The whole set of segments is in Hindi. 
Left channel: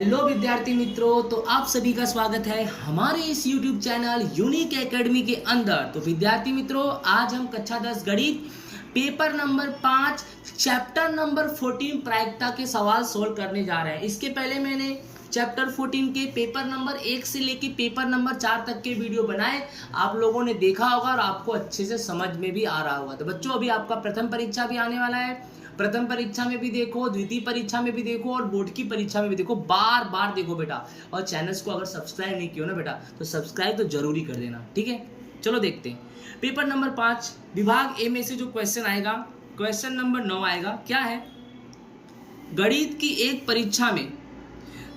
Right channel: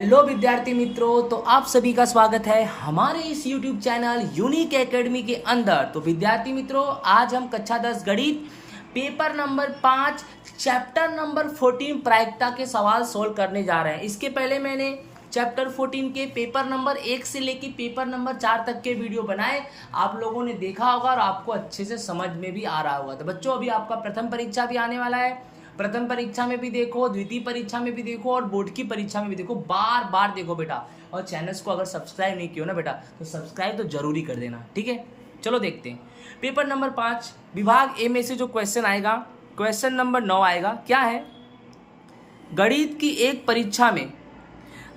हेलो विद्यार्थी मित्रों, तो आप सभी का स्वागत है हमारे इस YouTube चैनल यूनिक एकेडमी के अंदर। तो विद्यार्थी मित्रों, आज हम कक्षा 10 गणित पेपर नंबर 5 चैप्टर नंबर 14 प्रायिकता के सवाल सोल्व करने जा रहे हैं। इसके पहले मैंने चैप्टर 14 के पेपर नंबर 1 से लेकर पेपर नंबर 4 तक के वीडियो बनाए, आप लोगों ने देखा होगा और आपको अच्छे से समझ में भी आ रहा होगा। तो बच्चों, अभी आपका प्रथम परीक्षा भी आने वाला है। प्रथम परीक्षा में भी देखो, द्वितीय परीक्षा में भी देखो और बोर्ड की परीक्षा में भी देखो, बार बार देखो बेटा। और चैनल्स को अगर सब्सक्राइब नहीं किया ना बेटा, तो सब्सक्राइब तो जरूरी कर देना, ठीक है। चलो देखते हैं पेपर नंबर 5 विभाग ए में से जो क्वेश्चन आएगा, क्वेश्चन नंबर 9 आएगा। क्या है? गणित की एक परीक्षा में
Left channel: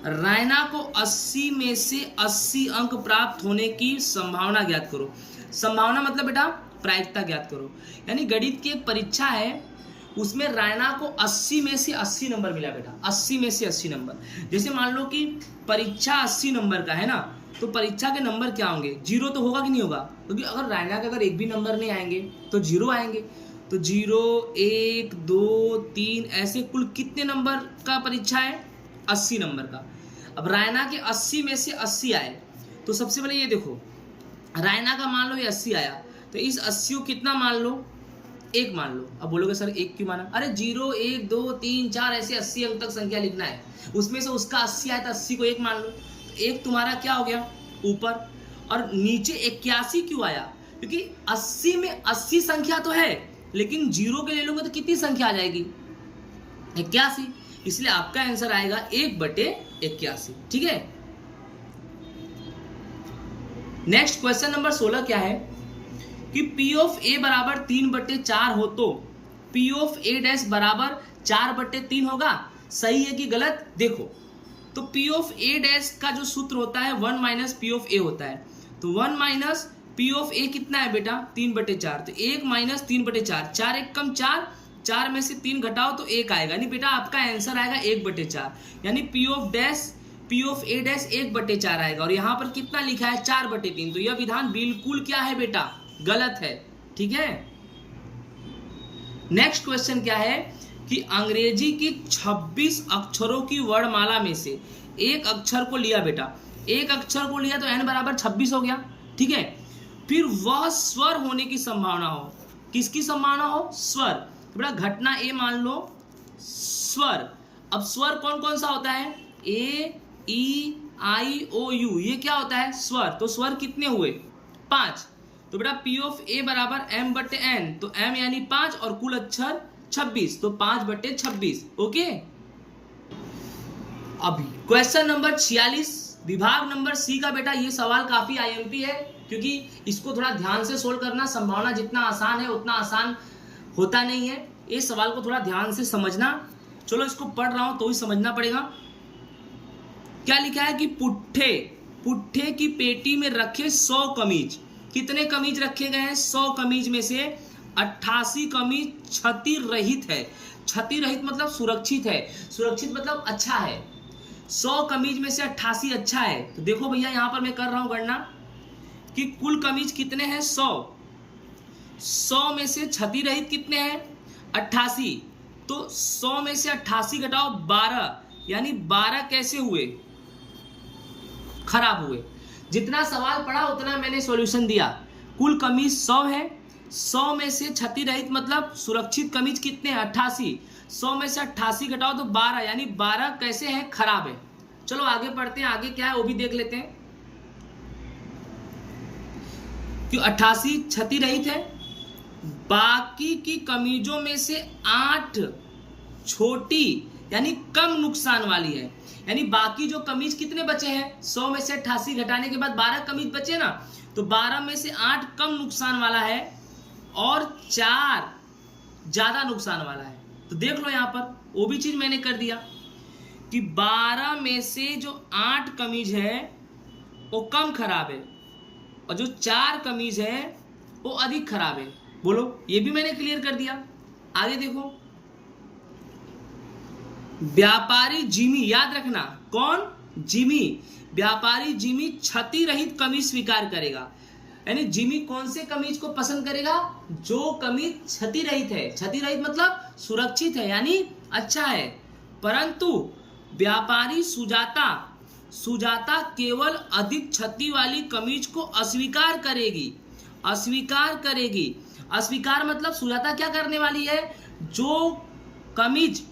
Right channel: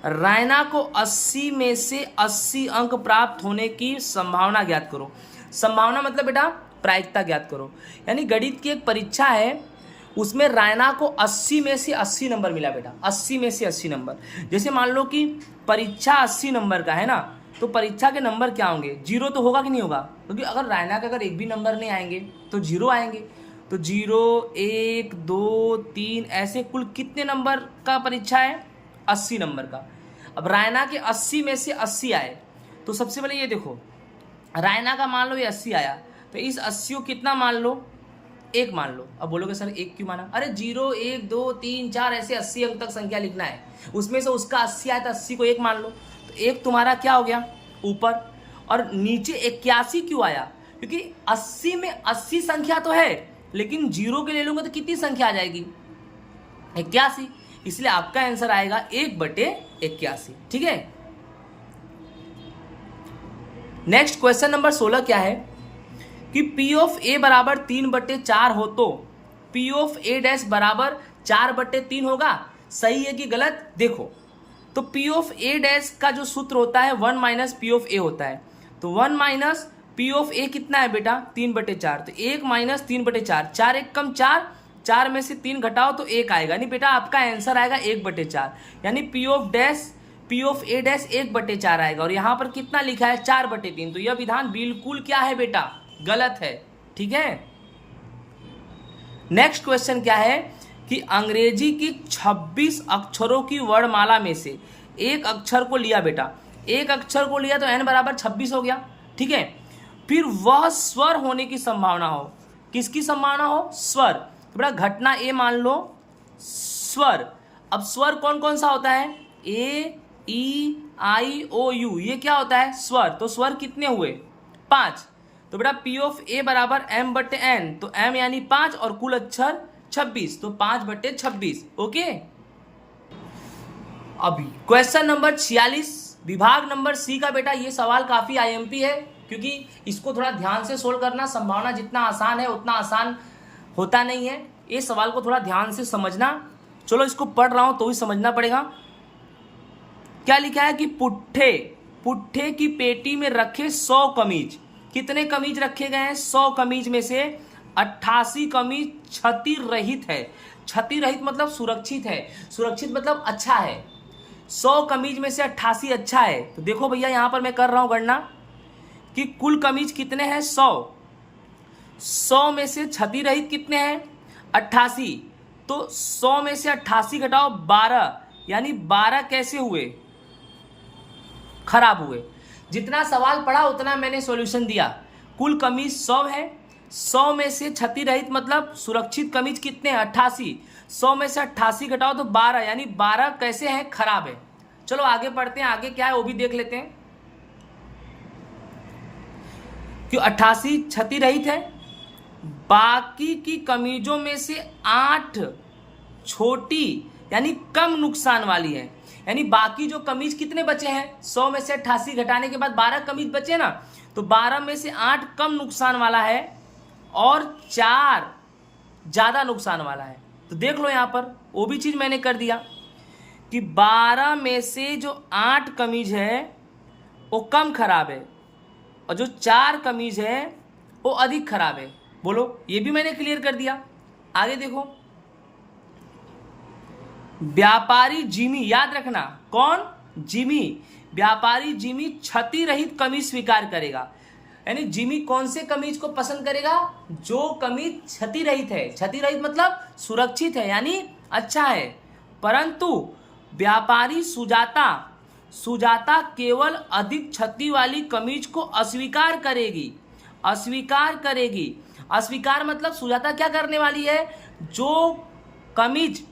रैना को 80 में से 80 अंक प्राप्त होने की संभावना ज्ञात करो। संभावना मतलब बेटा प्रायिकता ज्ञात करो। यानी गणित की एक परीक्षा है, उसमें रैना को 80 में से 80 नंबर मिला बेटा, 80 में से 80 नंबर। जैसे मान लो कि परीक्षा 80 नंबर का है ना, तो परीक्षा के नंबर क्या होंगे? जीरो तो होगा कि नहीं होगा? क्योंकि अगर रैना के अगर एक भी नंबर नहीं आएंगे तो जीरो आएंगे। तो 0, 1, 2, 3 ऐसे कुल कितने नंबर का परीक्षा है? 80 नंबर का। अब रैना के 80 में से 80 आए, तो सबसे पहले ये देखो, रैना का मान लो ये 80 आया, तो इस 80 को कितना मान लो? एक मान लो। अब बोलोगे सर एक क्यों माना? अरे 0, 1, 2, 3, 4 ऐसे 80 अंक तक संख्या लिखना है, उसमें से उसका 80 आया तो 80 को एक मान लो। तो एक तुम्हारा क्या हो गया ऊपर, और नीचे 81 क्यों आया? क्योंकि 80 में 80 संख्या तो है, लेकिन 0 के ले लूंगा तो कितनी संख्या आ जाएगी? 81। इसलिए आपका आंसर आएगा 1/81, ठीक है। नेक्स्ट क्वेश्चन नंबर 16 क्या है कि P ऑफ A बराबर 3/4 हो तो P ऑफ A डैश बराबर 4/3 होगा। सही है कि गलत? देखो, तो P ऑफ A डैश का जो सूत्र होता है 1 माइनस P ऑफ A होता है। तो 1 माइनस P ऑफ A कितना है बेटा? 3/4। तो 1 माइनस 3/4, 4 एक कम 4, 4 में से 3 घटाओ तो 1 आएगा। नहीं बेटा, आपका आंसर आएगा 1/4। यानी P ऑफ A डैश 1/4 आएगा। और यहाँ पर कितना लिखा है? 4/3। तो यह विधान बिल्कुल क्या है बेटा? गलत है, ठीक है। नेक्स्ट क्वेश्चन क्या है कि अंग्रेजी की 26 अक्षरों की वर्णमाला में से एक अक्षर को लिया बेटा, एक अक्षर को लिया तो n बराबर 26 हो गया, ठीक है। फिर वह स्वर होने की संभावना हो। किसकी संभावना हो? स्वर। तो बेटा घटना ए मान लो स्वर। अब स्वर कौन कौन सा होता है? ए, ई, आई, ओ, यू, ये क्या होता है? स्वर। तो स्वर कितने हुए? 5। तो बेटा P ऑफ A बराबर m/n, तो m यानी 5 और कुल अक्षर 26, तो 5/26, ओके। अभी क्वेश्चन नंबर 46 विभाग नंबर C का बेटा, ये सवाल काफी IMP है, क्योंकि इसको थोड़ा ध्यान से सोल्व करना। संभावना जितना आसान है उतना आसान होता नहीं है। ये सवाल को थोड़ा ध्यान से समझना। चलो, इसको पढ़ रहा हूं तो भी समझना पड़ेगा। क्या लिखा है कि पुट्ठे की पेटी में रखे 100 कमीज। कितने कमीज रखे गए हैं? 100 कमीज में से 88 कमीज क्षति रहित है। क्षति रहित मतलब सुरक्षित है, सुरक्षित मतलब अच्छा है। 100 कमीज में से 88 अच्छा है। तो देखो भैया, यहां पर मैं कर रहा हूं गणना कि कुल कमीज कितने हैं? 100 में से क्षति रहित कितने हैं? 88। तो 100 में से 88 घटाओ 12, यानी 12 कैसे हुए? खराब हुए। जितना सवाल पढ़ा उतना मैंने सॉल्यूशन दिया। कुल कमीज 100 है, 100 में से क्षति रहित मतलब सुरक्षित कमीज कितने हैं? 88। 100 में से 88 घटाओ तो 12, यानी 12 कैसे हैं? खराब है। चलो आगे पढ़ते हैं, आगे क्या है वो भी देख लेते हैं। क्यों 88 क्षति रहित है? बाकी की कमीजों में से 8 छोटी यानी कम नुकसान वाली है। यानी बाकी जो कमीज कितने बचे हैं? 100 में से 88 घटाने के बाद 12 कमीज बचे ना, तो 12 में से 8 कम नुकसान वाला है और 4 ज्यादा नुकसान वाला है। तो देख लो, यहां पर वो भी चीज मैंने कर दिया कि 12 में से जो 8 कमीज है वो कम खराब है और जो 4 कमीज है वो अधिक खराब है। बोलो, ये भी मैंने क्लियर कर दिया। आगे देखो, व्यापारी जिमी, याद रखना कौन? जिमी। व्यापारी जिमी क्षति रहित कमीज स्वीकार करेगा। यानी जिमी कौन से कमीज को पसंद करेगा? जो कमीज क्षति रहित है। क्षति रहित मतलब सुरक्षित है, यानी अच्छा है। परंतु व्यापारी सुजाता केवल अधिक क्षति वाली कमीज को अस्वीकार करेगी। अस्वीकार मतलब सुजाता क्या करने वाली है, जो कमीज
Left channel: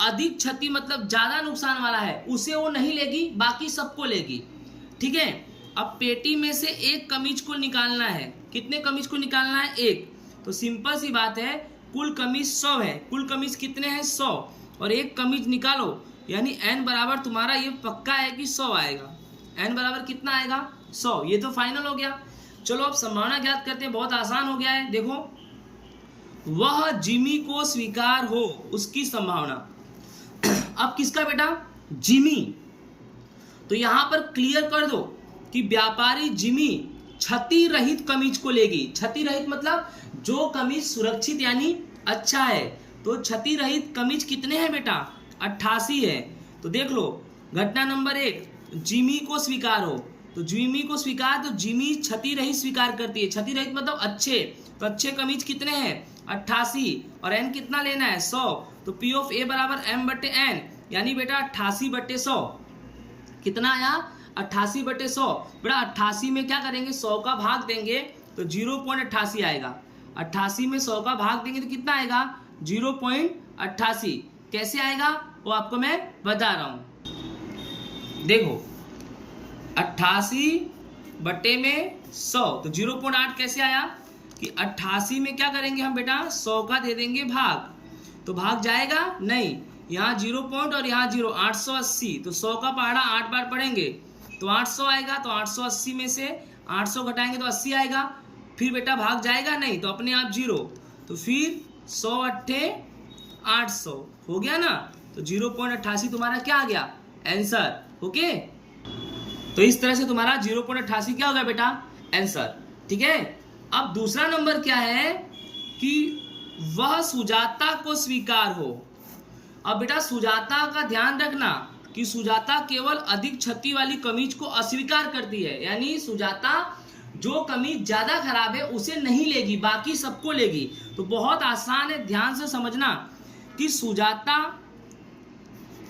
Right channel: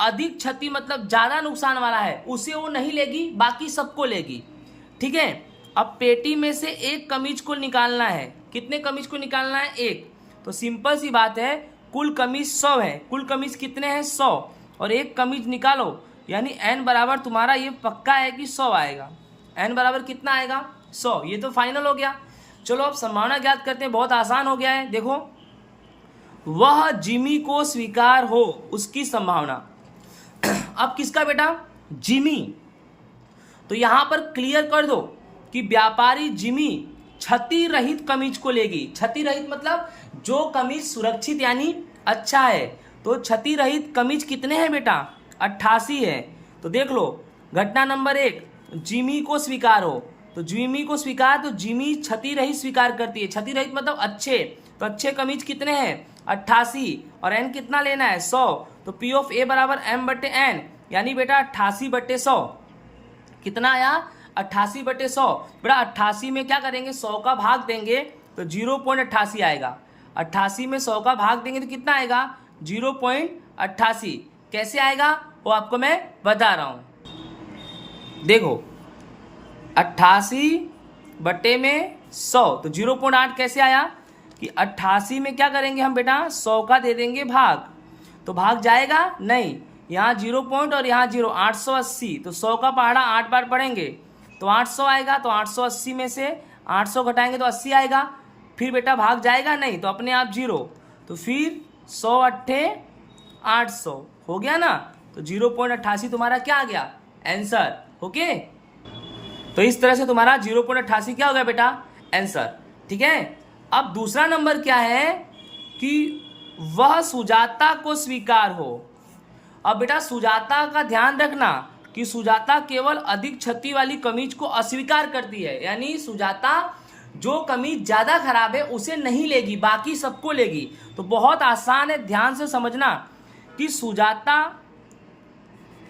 अधिक क्षति मतलब ज्यादा नुकसान वाला है उसे वो नहीं लेगी, बाकी सबको लेगी। ठीक है, अब पेटी में से एक कमीज को निकालना है। कितने कमीज को निकालना है? एक। तो सिंपल सी बात है, कुल कमीज 100 है। कुल कमीज कितने हैं? 100। और एक कमीज निकालो, यानी n बराबर तुम्हारा ये पक्का है कि 100 आएगा। n बराबर कितना आएगा? 100। ये तो फाइनल हो गया। चलो अब संभावना ज्ञात करते हैं, बहुत आसान हो गया है। देखो, वह जिमी को स्वीकार हो, उसकी संभावना। अब किसका बेटा? जिमी। तो यहां पर क्लियर कर दो कि व्यापारी जिमी क्षति रहित कमीज को लेगी। क्षति रहित मतलब जो कमीज सुरक्षित यानी अच्छा है। तो क्षति रहित कमीज कितने हैं बेटा? 88 है। तो देख लो, घटना नंबर 1, जिमी को स्वीकार हो। तो जिमी को स्वीकार, तो जिमी क्षति रहित स्वीकार करती है। क्षति रहित मतलब अच्छे। तो अच्छे कमीज कितने हैं? 88। और एन कितना लेना है? 100। तो पी ऑफ ए बराबर एम बटे एन, यानी बेटा 88/100। कितना आया? 88/100। बेटा 88 में क्या करेंगे? 100 का भाग देंगे तो 0.88 आएगा। 88 में 100 का भाग देंगे तो कितना आएगा? 0.88। कैसे आएगा वो आपको मैं बता रहा हूं। देखो, 88 में 100, तो 0.8 कैसे आया कि 88 में क्या करेंगे हम बेटा? 100 का दे देंगे भाग, तो भाग जाएगा नहीं। यहाँ 0 पॉइंट और यहाँ 0, 880। तो 100 का पहाड़ा 8 बार पढ़ेंगे तो 800 आएगा। तो 880 में से 800 घटाएंगे तो 80 आएगा। फिर बेटा भाग जाएगा नहीं, तो अपने आप 0। तो फिर 100 अट्ठे 800 हो गया ना। तो 0.88 तुम्हारा क्या आ गया? आंसर। ओके, तो इस तरह से तुम्हारा 0.88 क्या हो गया बेटा? आंसर। ठीक है, अब दूसरा नंबर क्या है कि वह सुजाता को स्वीकार हो। अब बेटा सुजाता का ध्यान रखना कि सुजाता केवल अधिक क्षति वाली कमीज को अस्वीकार करती है, यानी सुजाता जो कमीज ज्यादा खराब है उसे नहीं लेगी, बाकी सबको लेगी। तो बहुत आसान है, ध्यान से समझना कि सुजाता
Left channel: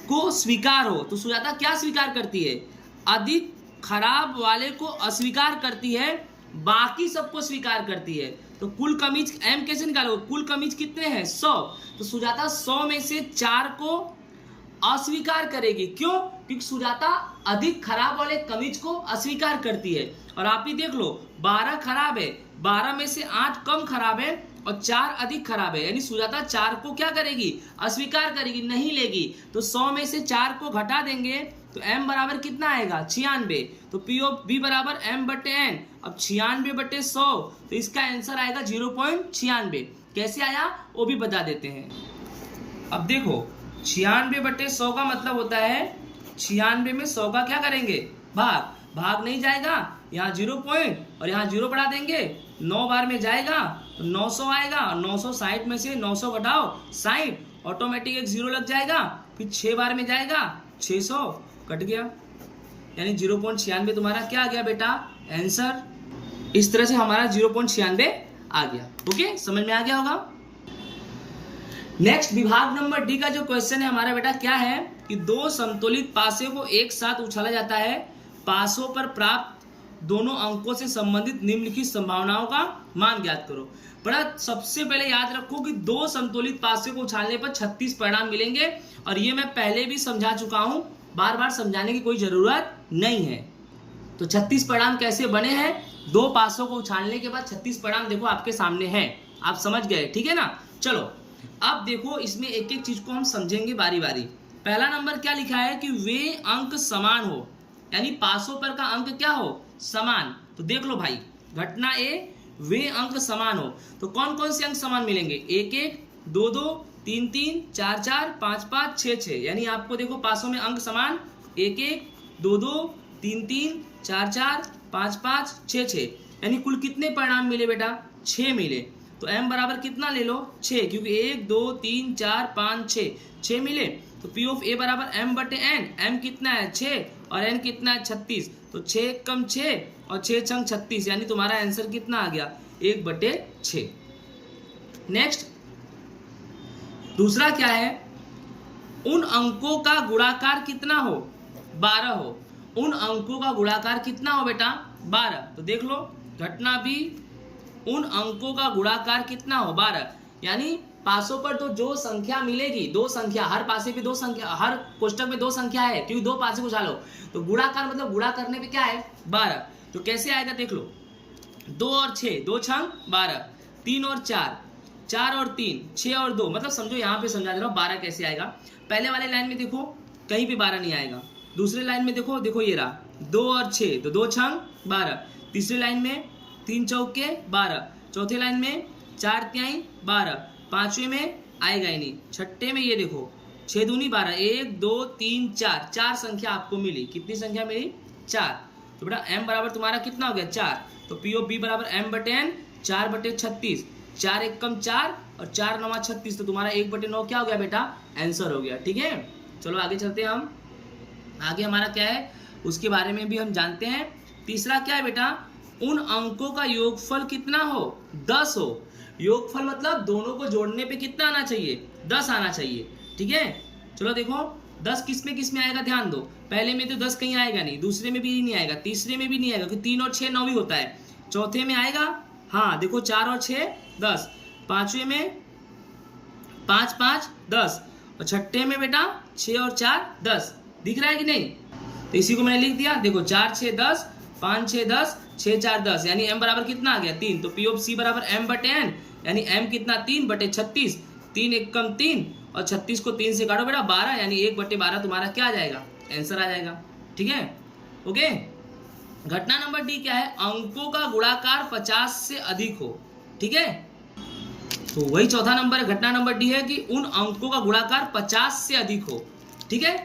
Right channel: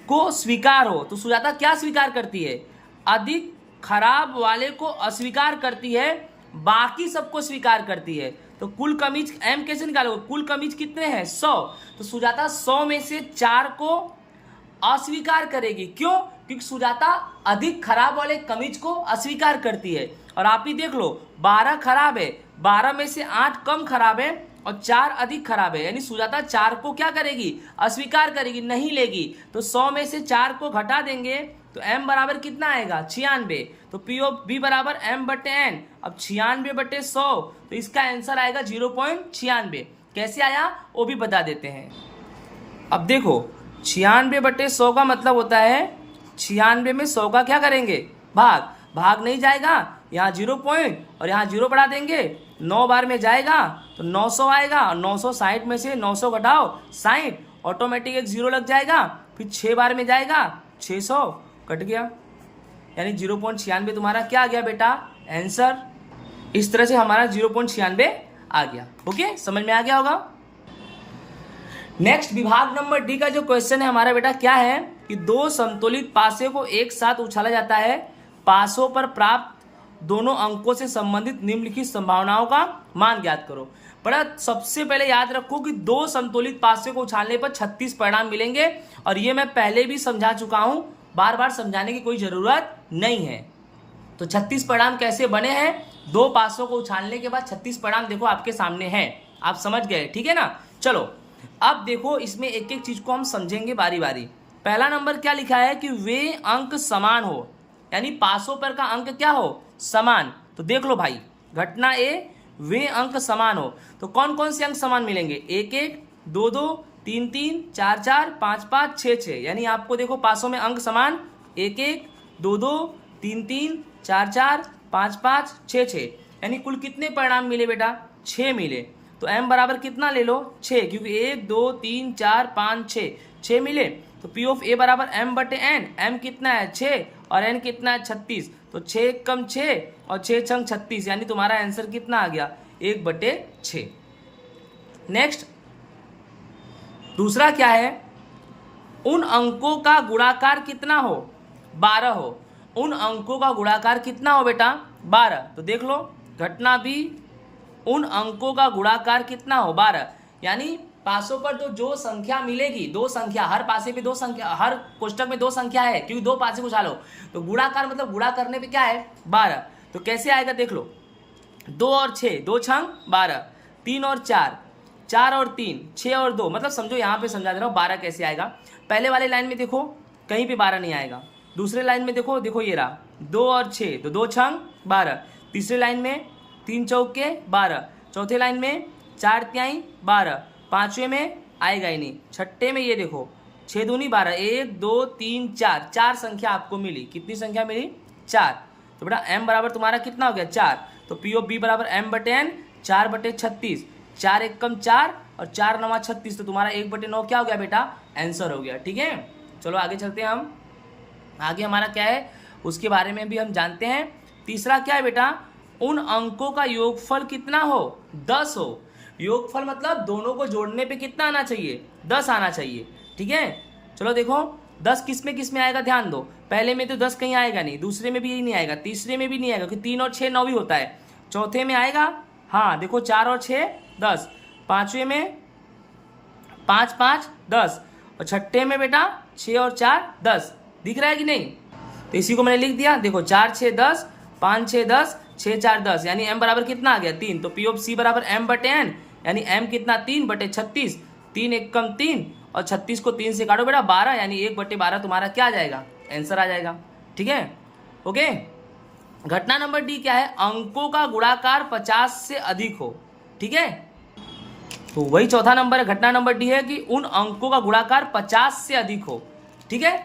को स्वीकार हो। तो सुजाता क्या स्वीकार करती है? अधिक खराब वाले को अस्वीकार करती है, बाकी सबको स्वीकार करती है। तो कुल कमीज एम कैसे निकालोगे? कुल कमीज कितने हैं? 100। तो सुजाता 100 में से 4 को अस्वीकार करेगी। क्यों? क्योंकि सुजाता अधिक खराब वाले कमीज को अस्वीकार करती है। और आप ही देख लो, 12 खराब है, 12 में से 8 कम खराब है और 4 अधिक खराब है, यानी सुजाता 4 को क्या करेगी? अस्वीकार करेगी, नहीं लेगी। तो 100 में से 4 को घटा देंगे तो m बराबर कितना आएगा? 96। तो पी ऑफ बी बराबर m बटे एन। अब 96/100, तो इसका आंसर आएगा 0.96। कैसे आया वो भी बता देते हैं। अब देखो, 96/100 का मतलब होता है 96 में 100 का क्या करेंगे? भाग नहीं जाएगा, यहाँ 0 पॉइंट और यहाँ 0 बढ़ा देंगे, 9 बार में जाएगा तो 900 आएगा। और 960 में से 900 घटाओ 60, ऑटोमेटिक एक 0 लग जाएगा। फिर 6 बार में जाएगा, 600 कट गया, यानी 0.96 तुम्हारा क्या आ गया बेटा? आंसर। इस तरह से हमारा 0.96 आ गया। ओके, समझ में आ गया होगा। नेक्स्ट, विभाग नंबर डी का जो क्वेश्चन है हमारा बेटा क्या है कि 2 संतुलित पासे को एक साथ उछाला जाता है। पासों पर प्राप्त दोनों अंकों से संबंधित निम्नलिखित संभावनाओं का मान ज्ञात करो। बड़ा सबसे पहले याद रखो कि 2 संतुलित पासे को उछालने पर 36 परिणाम मिलेंगे, और ये मैं पहले भी समझा चुका हूं, बार बार समझाने की कोई जरूरत नहीं है। तो 36 परिणाम कैसे बने हैं? 2 पासों को उछालने के बाद 36 परिणाम देखो आपके सामने हैं, आप समझ गए। ठीक है ना। चलो अब देखो, इसमें एक एक चीज को हम समझेंगे बारी बारी। पहला नंबर क्या लिखा है कि वे अंक समान हो, यानी पासों पर का अंक क्या हो? समान। तो देख लो भाई, घटना ए, वे अंक समान हो। तो कौन कौन से अंक समान मिलेंगे? 1 1, 2 2, 3 3, 4 4, 5 5, 6 6, यानी आपको देखो पासों में अंक समान 1 1, 2 2, 3 3, 4 4, 5 5, 6 6, यानी कुल कितने परिणाम मिले बेटा? 6 मिले। तो m बराबर कितना ले लो? 6, क्योंकि 1 2 3 4 5 6 मिले। तो पी ऑफ ए बराबर m बटे एन। m कितना है? 6 और n कितना है? 36। तो 6 कम 6 और 6 छंग 36, यानी तुम्हारा आंसर कितना आ गया? 1/6। नेक्स्ट, दूसरा क्या है उन अंकों का गुणाकार कितना हो, 12 हो। उन अंकों का गुणाकार कितना हो बेटा, 12। तो देख लो घटना बी, उन अंकों का गुणाकार कितना हो, 12। यानी पासों पर तो जो संख्या मिलेगी, दो संख्या, हर पासे पे दो संख्या, हर कोष्टक में दो संख्या है, क्योंकि दो पासे को उछालो, तो गुणाकार मतलब गुणा करने पे क्या है, 12। तो कैसे आएगा देख लो, 2 और 6, 2 छंग 12, 3 और 4, 4 और 3, 6 और 2, मतलब समझो यहाँ पे समझा दे रहा हूँ 12 कैसे आएगा। पहले वाले लाइन में देखो कहीं पे 12 नहीं आएगा, दूसरे लाइन में देखो, देखो ये रहा 2 और 6, तो 2 छंग 12, तीसरे लाइन में 3 चौके 12, चौथे लाइन में 4 तिहाई 12, पांचवे में आएगा ही नहीं, छठे में ये देखो 6 दूनी 12, 1 2 3 4, 4 संख्या आपको मिली। कितनी संख्या मिली, 4। तो बेटा m बराबर तुम्हारा कितना हो गया, 4। तो पी ऑफ बी बराबर m बटे n, 4 बटे 36, 4 एक कम 4 और 4 नवा 36, तो तुम्हारा 1 बटे 9 क्या हो गया बेटा, आंसर हो गया। ठीक है, चलो आगे चलते हैं हम। आगे हमारा क्या है उसके बारे में भी हम जानते हैं। तीसरा क्या है बेटा, उन अंकों का योगफल कितना हो, 10 हो। योगफल मतलब दोनों को जोड़ने पे कितना आना चाहिए, 10 आना चाहिए। ठीक है, चलो देखो 10 किस में आएगा, ध्यान दो। पहले में तो 10 कहीं आएगा नहीं, दूसरे में भी यही नहीं आएगा, तीसरे में भी नहीं आएगा क्योंकि 3 और 6 9 ही होता है। चौथे में आएगा, हाँ देखो 4 और 6 10, पांचवे में 5 5 10, और छठे में बेटा 6 और 4 10। दिख रहा है कि नहीं, तो इसी को मैंने लिख दिया, देखो 4 6 10, 5 6 10, 6 4 10, यानी m बराबर कितना आ गया, 3। तो पी ऑफ सी बराबर m बटे n, यानी m कितना, 3 बटे 36, 3 एक कम 3 और 36 को 3 से काटो बेटा 12, यानी 1 बटे 12 तुम्हारा क्या आ जाएगा, आंसर आ जाएगा। ठीक है, ओके। घटना नंबर डी क्या है, अंकों का गुणाकार 50 से अधिक हो। ठीक है, तो वही चौथा नंबर है, घटना नंबर डी है कि उन अंकों का गुणाकार 50 से अधिक हो। ठीक है,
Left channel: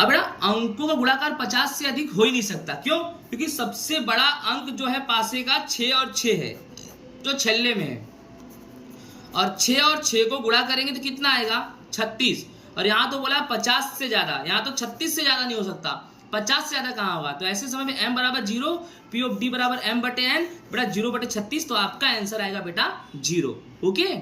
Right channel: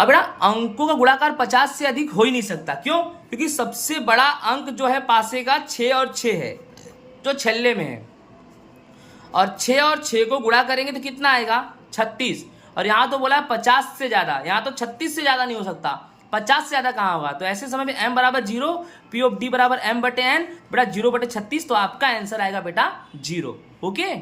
अब बेटा अंकों का गुणाकार 50 से अधिक हो ही नहीं सकता, क्यों, क्योंकि सबसे बड़ा अंक जो है पासे का 6 और 6 है, जो छल्ले में है, और 6 और 6 को गुणा करेंगे तो कितना आएगा, 36। और यहां तो बोला 50 से ज्यादा, यहां तो 36 से ज्यादा नहीं हो सकता, 50 से ज्यादा कहां होगा। तो ऐसे समय में m बराबर 0, पी ऑफ डी बराबर m बटे n, बेटा 0 बटे 36, तो आपका आंसर आएगा बेटा 0। ओके,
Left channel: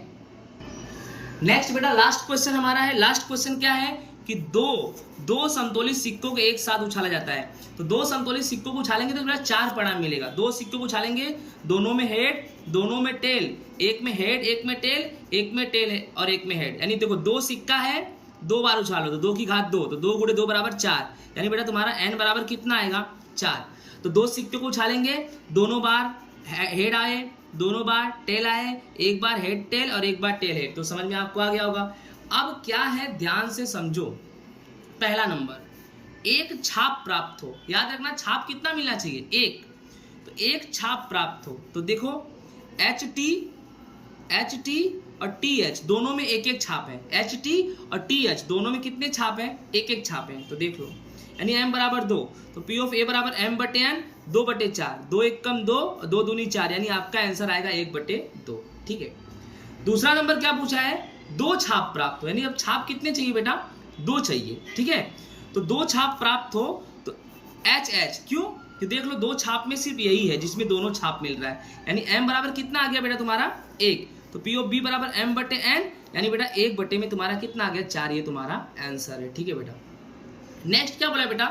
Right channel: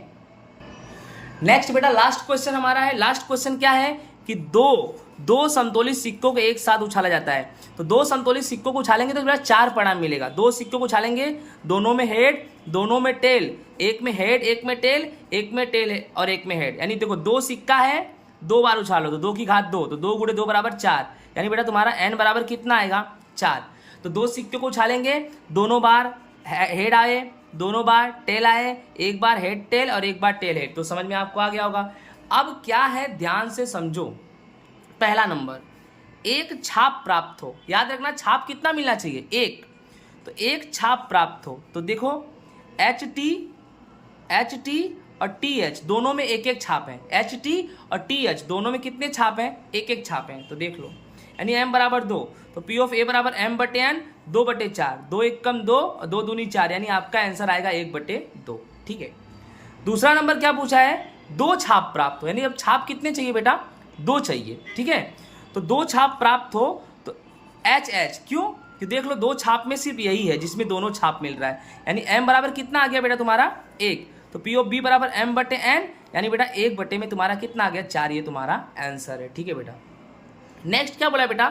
नेक्स्ट बेटा लास्ट क्वेश्चन हमारा है। लास्ट क्वेश्चन क्या है कि दो संतुलित सिक्कों को एक साथ उछाला जाता है। तो दो संतुलित सिक्कों को उछालेंगे तो बेटा 4 परिणाम मिलेगा। दो सिक्कों को उछालेंगे, दोनों में हेड, दोनों में टेल, एक में हेड, एक में टेल, एक में टेल और एक में हेड। यानी देखो 2 सिक्का है, 2 बार उछालो तो 2 की घात 2, तो 2 गुणे 2 बराबर 4, यानी बेटा तुम्हारा n बराबर कितना आएगा, 4। तो 2 सिक्के को उछालेंगे, दोनों बार हेड आए, दोनों बार टेल आए, एक बार हेड टेल और एक बार टेल हेड। तो समझ में आपको आ गया होगा। अब क्या है, ध्यान से समझो। पहला नंबर, एक छाप प्राप्त हो। याद रखना छाप कितना मिलना चाहिए, 1। तो एक छाप प्राप्त हो, तो देखो एच टी और टी एच दोनों में एक एक छाप है, एच टी और टी एच दोनों में कितने छाप है, एक एक छाप है। तो देख लो, यानी m बराबर 2, तो पी ऑफ ए बराबर m बटे n, 2 बटे 4, 2 एक कम 2 और 2 दूनी 4, यानी आपका आंसर आएगा 1 बटे 2। ठीक है, दूसरा नंबर क्या पूछा है, 2 छाप प्राप्त हो, यानी अब छाप कितने चाहिए बेटा, 2 चाहिए। ठीक है, तो 2 छाप प्राप्त हो तो एच एच, क्यों कि देख लो 2 छाप में सिर्फ यही है जिसमें दोनों छाप मिल रहा है, यानी m बराबर कितना आ गया बेटा तुम्हारा 1। तो पी ऑफ बी बराबर m बटे n, यानी बेटा 1 बटे में तुम्हारा कितना आ गया, 4, ये तुम्हारा आंसर है। ठीक है बेटा, नेक्स्ट क्या बोला बेटा,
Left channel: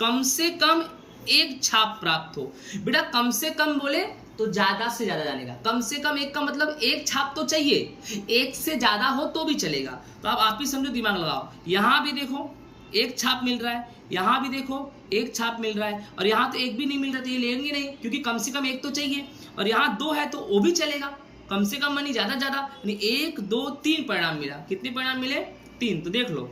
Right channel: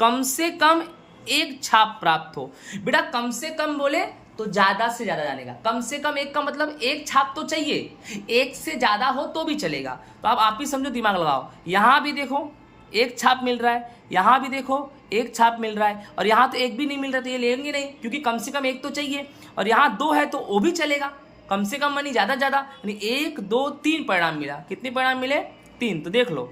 कम से कम एक छाप प्राप्त हो। बेटा कम से कम बोले तो ज्यादा से ज्यादा जानेगा, कम से कम एक का मतलब एक छाप तो चाहिए, एक से ज्यादा हो तो भी चलेगा। तो अब आप ही समझो, दिमाग लगाओ। यहां भी देखो एक छाप मिल रहा है, यहां भी देखो एक छाप मिल रहा है, और यहां तो एक भी नहीं मिल रहा, तो ये लेंगे नहीं क्योंकि कम से कम एक तो चाहिए। और यहां 2 है तो वो भी चलेगा, कम से कम मानी ज्यादा ज्यादा, यानी 1 2 3 परिणाम मिला। कितने परिणाम मिले, 3। तो देख लो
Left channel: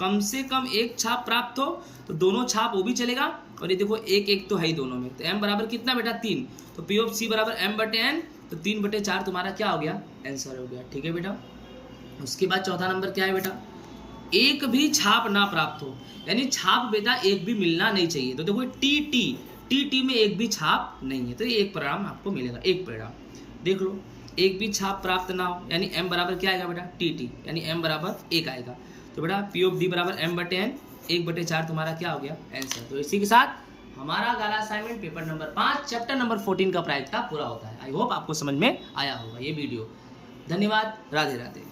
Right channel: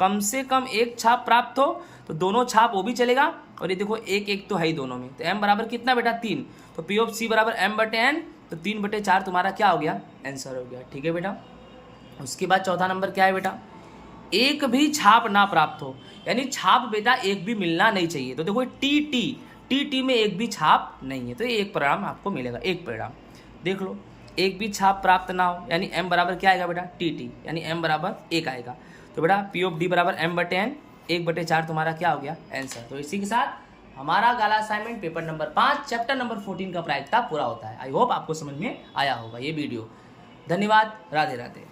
कम से कम एक छाप प्राप्त हो तो दोनों छाप वो भी चलेगा, और ये देखो एक एक तो है ही दोनों में। तो m बराबर कितना बेटा, 3। तो पी ऑफ सी बराबर m बटे n, तो 3 बटे 4 तुम्हारा क्या हो गया, आंसर हो गया। ठीक है बेटा, उसके बाद चौथा नंबर क्या है बेटा, एक भी छाप ना प्राप्त हो, यानी छाप बेटा एक भी मिलना नहीं चाहिए। तो देखो टी में एक भी छाप नहीं है, तो ये एक परिणाम आपको मिलेगा, एक परिणाम। देख लो एक भी छाप प्राप्त ना हो, यानी m बराबर क्या आएगा बेटा, टी, यानी m बराबर 1 आएगा। तो बेटा पी ऑफ डी बराबर m बटे n, 1 बटे 4 तुम्हारा क्या हो गया, आंसर। तो इसी के साथ हमारा गाला assignment paper number 5 chapter number 14 का प्रायिकता पूरा होता है। आई होप आपको समझ में आया होगा ये वीडियो। धन्यवाद, राधे राधे।